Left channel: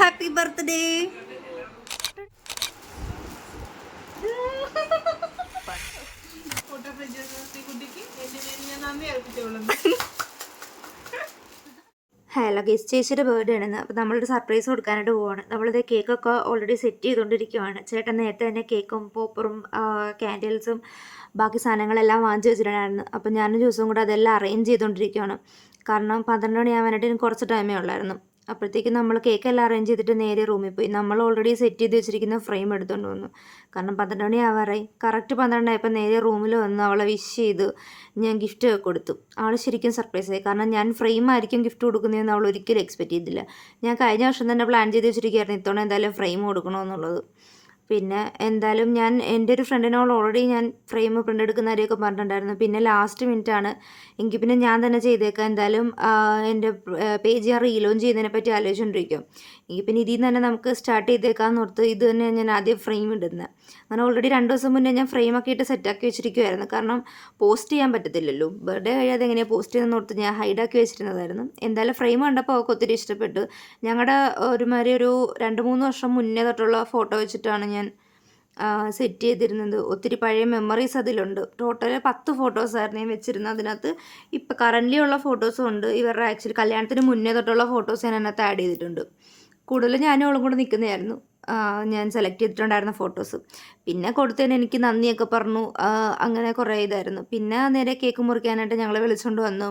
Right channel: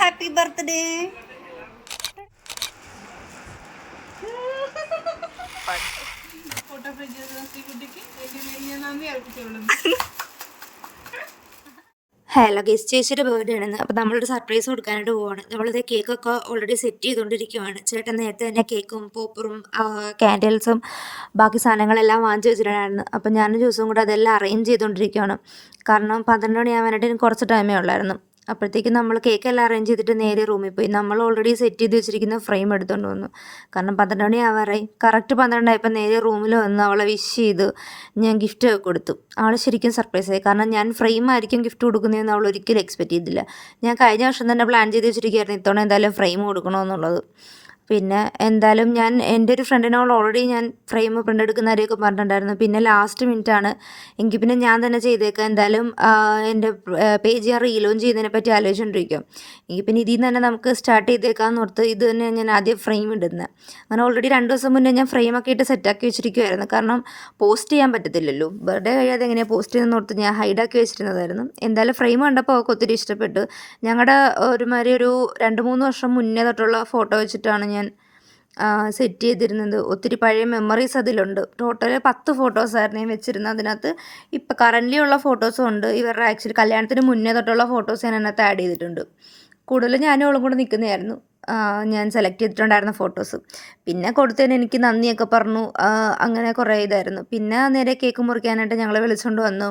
Happy birthday. Hello guess, ചേച്ചിയുടെ birthday ആണെന്ന്. അപ്പോൾ നമ്മളൊരു സർപ്രൈസ് കൊടുക്കാനായിട്ട് പോവാണ്. നമ്മളിത് കേക്കൊക്കെ ഓൾറെഡി സെറ്റ് ചെയ്തുകൊണ്ടിരിക്കുവാണ്. ചേട്ടൻ നേരത്തെ തന്നെ കേക്കും പോപ്പറും കാൻഡിൽസും ബാക്കി സാധനങ്ങളെല്ലാം വാങ്ങിച്ച് വെച്ചിട്ടുണ്ടായിരുന്നു. അപ്പോൾ ഞാനും ദിവസവും കൂടെ അതെല്ലാം അറേഞ്ച് ചെയ്തുകൊണ്ടിരിക്കുകയാണ്. കാരണം 12 മണിയാവാനായിട്ട് എനിക്ക് കുറച്ച് ടൈമേ ഉള്ളായിരുന്നു. അപ്പോഴത്തേക്കും നമ്മൾ കേക്കെല്ലാം അറേഞ്ച് ചെയ്തിട്ട് നേരെ റൂമിൽ പോയി. നമ്മൾ ഓൾറെഡി സെറ്റ് ചെയ്ത് വെച്ചിരിക്കുന്ന ഫ്രെയിം എടുത്തുകൊണ്ട് വന്നു. കാരണം 12 മണി ആവാറായി. കറക്റ്റ് 12 ആയപ്പോൾ നേരെ റൂമിൽ വന്ന് അവളെ വിഷ് ചെയ്ത് ഞാൻ ഗിഫ്റ്റ് കൊടുത്തു. അവൾ ശരിക്കും സർപ്രൈസ് ആയി. കാരണം ഞാൻ ഫ്രെയിം ആയിരിക്കും ഗിഫ്റ്റ് കൊടുക്കുന്നതെന്ന് അവൾ ഒരിക്കലും എക്സ്പെക്റ്റ് ചെയ്തില്ല. ഞാൻ കഴിഞ്ഞ വർഷം തന്നെ പ്ലാൻ ചെയ്ത് വെച്ചിരിക്കുകയായിരുന്നു ഇത്തവണ എന്തായാലും ഫ്രെയിം കൊടുക്കണമെന്നുള്ളത്. പിന്നെ എന്തായാലും ഞാൻ എൻ്റെ ഒരു ഫ്രണ്ടിനോട് ഓൾറെഡി ഞാൻ ഫ്രെയിം പ്രിൻ്റ് എടുക്കുന്ന കാര്യമൊക്കെ പറഞ്ഞിട്ടുണ്ടായിരുന്നു. പിന്നെ ലാസ്റ്റ് മിനിറ്റാണ് എങ്കിൽ പിന്നെ ഞാൻ തന്നെ ചെയ്തേക്കാം, എന്തായാലും എൻ്റെ പേജ് ഞാൻ റീലോഞ്ച് ചെയ്യുന്നതിനെ പറ്റി ആലോചിച്ചുകൊണ്ടിരിക്കും. എങ്കിൽ പിന്നെ ഇതിൽ നിന്ന് തന്നെ നമുക്ക് സ്റ്റാർട്ട് ചെയ്തേക്കാമെന്ന് ഓർത്ത് ഇത് തന്നെ ഞാൻ ആദ്യം ഫ്രെയിം ഇടുന്നത്. അങ്ങനെ ഓൾറെഡി 2 ദിവസം മുന്നേ ഞാൻ ഫ്രെയിമൊക്കെ ഇട്ട് സെറ്റാക്കി വെച്ചിരിക്കുമായിരുന്നു. കാരണം പോസ്റ്റ് ചെയ്യാൻ പറ്റത്തില്ലല്ലോ, ബർത്ത്ഡേ കഴിയാതെ എങ്ങനെയാണ് പോസ്റ്റ് ചെയ്യുന്നതെന്ന് ഓർത്ത് ഞാൻ ഹൈഡാക്കി വെച്ചിരുന്നതായിരുന്നു. എന്തായാലും ഫ്രെയിം കണ്ടപ്പോൾ അവൾക്ക് ഒത്തിരി ഇഷ്ടപ്പെട്ടു. ഞങ്ങളുടെ ഒരുമാതിരി ഒരു 2-3 വർഷം മുന്നേ തൊട്ടുള്ള ഫോട്ടോ വെച്ചിട്ടാണ് ഞാൻ സെറ്റ് ചെയ്തിരുന്നത്. ഒത്തിരി പഴയ മെമ്മറീസ് അതിലുണ്ട്. ടോട്ടൽ 10 ഫോട്ടോസായിരുന്നു ഞാൻ വെച്ചിരുന്നത്. അതിനകത്ത് ഇപ്പം കറൻ്റ്ലി ഉള്ള ഫോട്ടോസും ഉണ്ട്. ഇവരുടെ ആക്ച്വലി കല്യാണത്തിന് മുന്നേ തൊട്ടുള്ള ഫോട്ടോസ് ഞാൻ അതിനകത്ത് ആഡ് ചെയ്തിട്ടുണ്ട്. കൂടുതലും ഞാനും അവളും കൂടെ നിൽക്കുന്നതായിരുന്നു ഞാൻ സെലക്ട് ചെയ്തിട്ടുണ്ടായിരുന്ന ഫോട്ടോസ്. പിന്നെ കൊടുത്തതിന് എനിക്ക് നന്ദിയൊക്കെ പറഞ്ഞു. അങ്ങനെ കുറേ ഇതായിരുന്നു. പിന്നെ നേരെ കേക്ക് മുറിക്കാനായിട്ട് ഞങ്ങളെ വിളിച്ചുകൊണ്ട് വന്നു.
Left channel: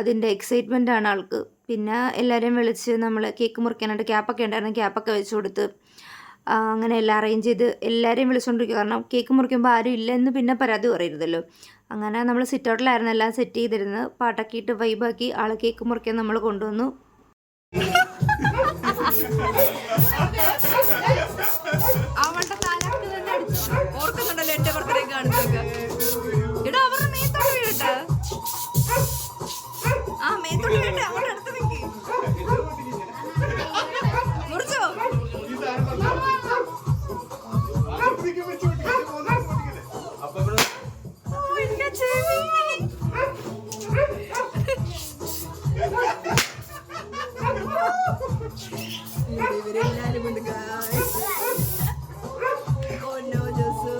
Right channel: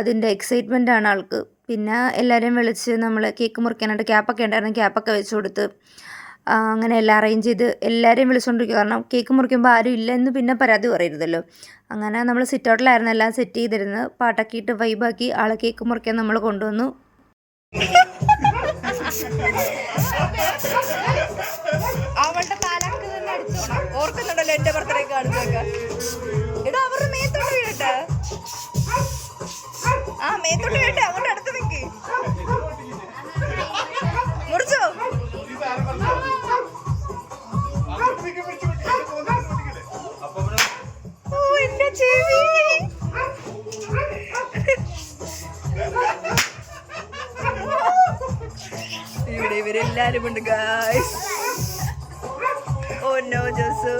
അതിൻ്റെ എക്സൈറ്റ്മെൻ്റ് ആണ് ആൾക്ക്. പിന്നെ എല്ലാവരെയും വിളിച്ച് നമ്മൾ കേക്ക് മുറിക്കാനായിട്ട് ക്യാപ്പൊക്കെ ഉണ്ടായിരുന്നു, ക്യാപ്പൊക്കെ വെച്ച് കൊടുത്ത് അങ്ങനെ എല്ലാം അറേഞ്ച് ചെയ്ത് എല്ലാവരെയും വിളിച്ചുകൊണ്ടിരിക്കുക. കാരണം കേക്ക് മുറിക്കുമ്പോൾ ആരും ഇല്ലെന്ന് പിന്നെ പരാതി പറയരുതല്ലോ. അങ്ങനെ നമ്മൾ സിറ്റ് ഔട്ടിലായിരുന്നു എല്ലാം സെറ്റ് ചെയ്തിരുന്നത്. പാട്ടൊക്കെ വൈബാക്കി ആളെ കേക്ക് മുറിക്കാൻ നമ്മൾ കൊണ്ടുവന്നു. അവളുടെ താലാക്ക് തന്നെ അടിച്ചോണം. ഓർക്കുന്നുണ്ടല്ലോ എൻ്റെ ബർത്ത്ഡേ കാണുന്നതൊക്കെ. എടാ അവരുടെ മേത്തോട്ട് വീഴട്ടെ. മേത്തോട്ട് വീഴട്ടെ. അങ്ങോട്ട് അടുത്ത് നിൽക്കി മുറിച്ചോ. എന്റെ ചെവി. ഇവിടെ ഇവരെല്ലാരും ഉണ്ട് ഗായ്സ്. Oh no Josu.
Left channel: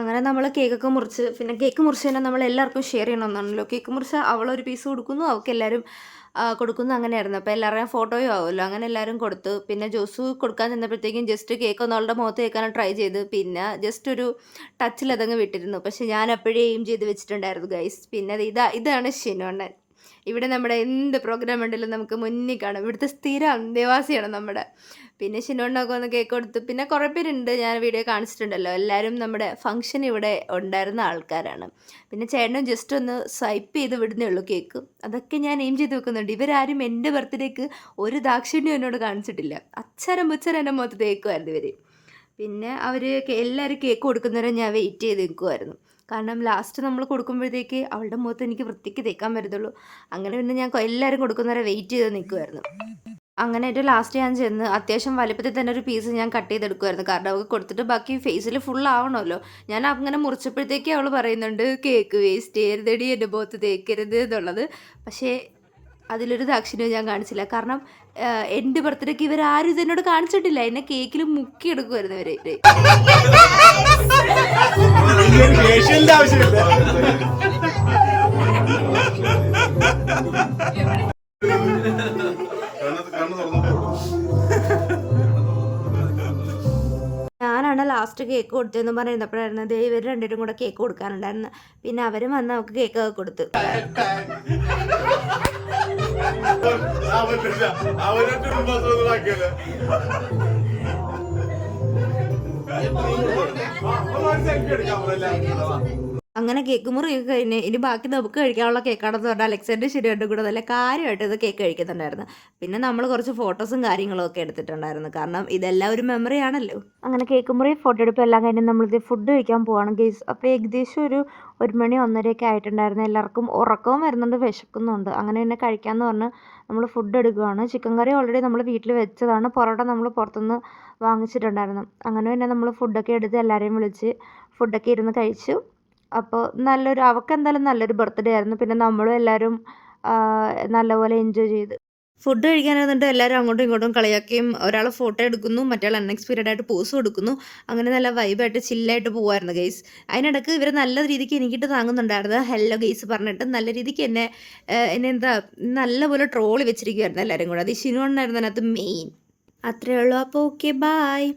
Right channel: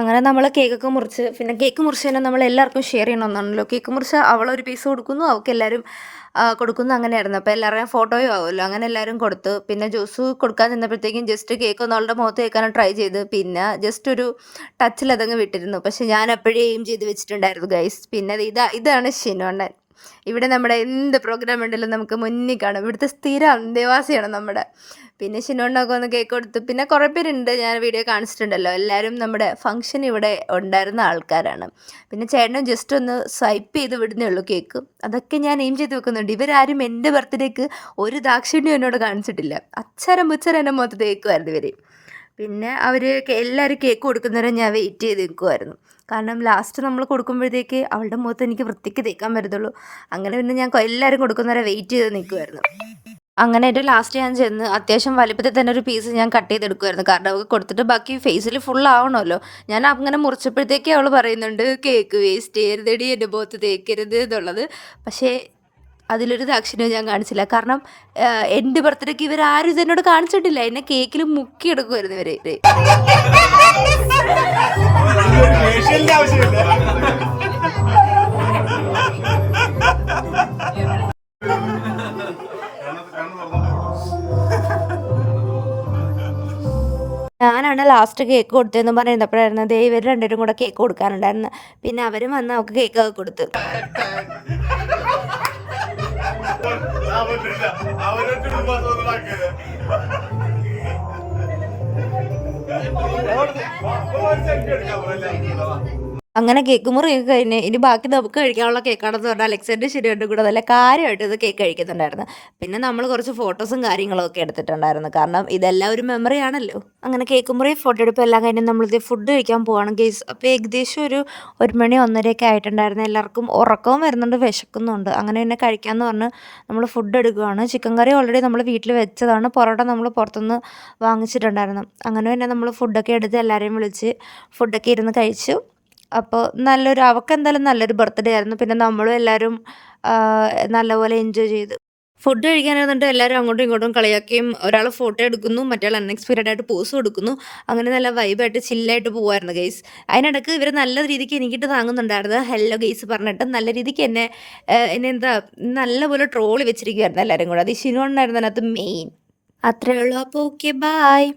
അങ്ങനെ നമ്മൾ കേക്കൊക്കെ മുറിച്ച്, പിന്നെ കേക്ക് മുറിച്ച് തന്നെ നമ്മൾ എല്ലാവർക്കും ഷെയർ ചെയ്യണമെന്നാണല്ലോ. കേക്ക് മുറിച്ച് അവളൊരു പീസ് കൊടുക്കുന്നു, അവൾക്ക് എല്ലാവരും കൊടുക്കുന്നു, അങ്ങനെയായിരുന്നു. അപ്പോൾ എല്ലാവരുടെയും ഫോട്ടോയും ആവുമല്ലോ. അങ്ങനെ എല്ലാവരും കൊടുത്തു. പിന്നെ ജോസു കൊടുക്കാൻ നിന്നപ്പോഴത്തേക്കും ജസ്റ്റ് കേക്ക് ഒന്ന് അവളുടെ മുഖത്ത് കേൾക്കാനും ട്രൈ ചെയ്ത് പിന്നെ ജസ്റ്റ് ഒരു ടച്ചിൽ അതങ്ങ് വിട്ടിരുന്നു. പക്ഷെ ഞാൻ എപ്പോഴും എയിം ചെയ്ത് വെച്ചിട്ടുണ്ടായിരുന്നു ഗൈസ്. പിന്നെ ഇതാണ് ഷിനോണ്ണൻ. ഇവിടെ നമ്മുടെ എന്ത് പ്രോഗ്രാം ഉണ്ടല്ലോ നമുക്ക് മുന്നിൽ കാണും. ഇവിടുത്തെ സ്ഥിരം അന്തേവാസിയാണ് നമ്മുടെ. പിന്നെ ഷിനോണ്ണൊക്കെ ഒന്ന് കേക്ക് കൊടുത്തു. പിന്നെ കുറേ പേരുണ്ട്, ഞാൻ വീഡിയോ കാണിച്ചിട്ടുണ്ടല്ലോ. എല്ലാവരും നമ്മുടെ ഫംഗ്ഷൻ ഇവിടെ ഉണ്ടായിരുന്ന ആൾക്കാരാണ്. പിന്നെ ചേട്ടനും ജസ്റ്റ് ഒന്ന് സ്വൈപ്പ് ചെയ്ത് വിടുന്നേ ഉള്ളൂ കേക്ക്. അതൊക്കെ ഞാൻ എയിം ചെയ്ത് വെക്കുന്നുണ്ട്. ഇവരാരും എൻ്റെ ബർത്ത്ഡേക്ക് ഒരു ദാക്ഷിണ്യം എന്നോട് കാണിച്ചിട്ടില്ല. അച്ചരം പുച്ചരം എൻ്റെ മുഖത്ത് തേക്കുമായിരുന്നു ഇവർ. പിന്നെ എല്ലാവരും കേക്ക് കൊടുക്കുന്നവരെ ഞാൻ വെയിറ്റ് ചെയ്ത് നിൽക്കുമായിരുന്നു. കാരണം ലാസ്റ്റ് നമ്മൾ കൊടുക്കുമ്പോഴത്തേക്ക് അവളുടെ മുഖത്ത് എനിക്ക് വൃത്തിക്ക് തേക്കാൻ പറ്റത്തുള്ളൂ. അങ്ങനെ പിന്നെ ഞാൻ എല്ലാവരും കൊടുക്കുന്നവരെ വെയിറ്റ് ചെയ്ത് നിൽക്കുമായിരുന്നു. അങ്ങനെ ഒരു ലാസ്റ്റ് ഞാൻ ചെന്ന് അത്യാവശ്യം വലിപ്പത്തിൽ തന്നെ ഒരു പീസ് ഞാൻ കട്ട് ചെയ്തെടുക്കുമായിരുന്നു. കാരണം അവൾക്ക് കൊടുത്തിട്ട് ബാക്കി ഫേസിൽ ഫുൾ ആവണമല്ലോ. ഞാൻ അങ്ങനെ മുറിച്ചപ്പോഴത്തേക്ക് അവൾ പറയുന്നുണ്ട് കേക്ക് വേസ്റ്റ് ചെയ്യരുതടി, എൻ്റെ മുഖത്ത് തേക്കരുത് എന്നുള്ളത്. പക്ഷേ അതിലൊരു ദാക്ഷിണ്യം ഞാൻ കാണിച്ചില്ല. കാരണം എൻ്റെ ബർത്ത്ഡേക്ക് ഇവരാരും ഇതെന്നോട് കാണിച്ചിട്ടില്ല. എന്നെ കേക്കിൽ മുക്കിയെടുക്കുമായിരുന്നു ഇവർ. ഞാനാണ് ലാസ്റ്റ് കേക്ക് കൊടുത്തതെന്ന് പറയുന്നപ്പോഴായിരുന്നു ദേ ഇവർ രണ്ടുപേരും കൂടെ കേക്ക് കൊടുക്കാനുണ്ടായിരുന്നു. പിന്നെ അവരും വന്ന് അവൾക്ക് കേക്കൊക്കെ കൊടുത്തു. അങ്ങനെ കേക്ക് മുറിയൊക്കെ കഴിഞ്ഞ് ഇനി ബാക്കി നമുക്ക് കഴിക്കാനുള്ള കേക്കാണെന്ന് പറഞ്ഞാൽ അലക്സാണ്ടർ ശരിയായിട്ടും കൂടെ നല്ല കാര്യമായിട്ട് ഇത് കേക്ക് കഴിക്കുന്നുണ്ടായിരുന്നു. പിന്നെ നമ്മൾ കുറച്ച് ഫോട്ടോസും കാര്യങ്ങളും ഒക്കെ എടുത്തിട്ടുണ്ടായിരുന്നു. കാരണം ഇതെല്ലാം ഒരു മെമ്മറി ആണല്ലോ. അങ്ങനെ കേക്ക് മുറി ഫോട്ടോ എടുപ്പ് എല്ലാം കഴിഞ്ഞ് നമ്മളിത് ഫുഡ് കഴിക്കാൻ പോവാണ് ഗെയ്സ്. അപ്പോൾ ഏകദേശം ഒരു 1 മണി 1:30 ആയിട്ടുണ്ടായിരുന്നു. എല്ലാവർക്കും ഉറക്കവും വരുന്നുണ്ട്, വിശക്കുന്നുണ്ട്. അങ്ങനെ തന്നെ കഴിക്കാമെന്ന് പറഞ്ഞ് നമ്മൾ ഫുഡ് എടുക്കുകയാണ്. ചിക്കൻ കറി ഓൾറെഡി നമ്മൾ വീട്ടിൽ വെച്ചതാണ്. പൊറോട്ട നമ്മൾ പുറത്തുനിന്ന് വാങ്ങിച്ചിട്ടുണ്ടായിരുന്നു. അങ്ങനെ തന്നെ നമ്മൾ ഫുഡൊക്കെ എടുത്ത് എല്ലാവരെയും വിളിച്ച് ഫുഡൊക്കെ ഇരുന്ന് കഴിച്ചു. അപ്പോൾ അവൾക്കെന്തായാലും നല്ലൊരു ബർത്ത്ഡേ ആയിരുന്നു. പിന്നെ നമ്മളും എല്ലാവരും നല്ലപോലെ എൻജോയ് ചെയ്തു. ഫുഡ് കഴിക്കാനിരുന്നിട്ട് എല്ലാവരും അങ്ങോട്ടും ഇങ്ങോട്ടും കളിയാക്കുകയും ഒരാൾ ഫോട്ടോ എടുക്കുന്നു, മറ്റേയാൾ അൺഎക്സ്പെക്റ്റഡ് ആയിട്ട് പോസ് കൊടുക്കുന്നു. അങ്ങനെ നല്ല വൈബായിട്ട് ചില്ലായിട്ട് പോവായിരുന്നു ഗെയ്സ്. അതിനിടയ്ക്ക് ഇവർ നല്ല രീതിക്ക് എനിക്കിട്ട് താങ്ങുന്നുണ്ടായിരുന്നു. ഹലോ ഗെയ്സ് പറഞ്ഞിട്ട് നല്ല രീതിക്ക് എന്നെ എന്താ നല്ലപോലെ ട്രോളി വെച്ചിരിക്കുമായിരുന്നു എല്ലാവരും കൂടെ. അത് ഷിനോണ്ണായിരുന്നു അതിനകത്ത് മെയിൻ. അത്രയേ ഉള്ളൂ. അപ്പോൾ ഓക്കെ ബായ്.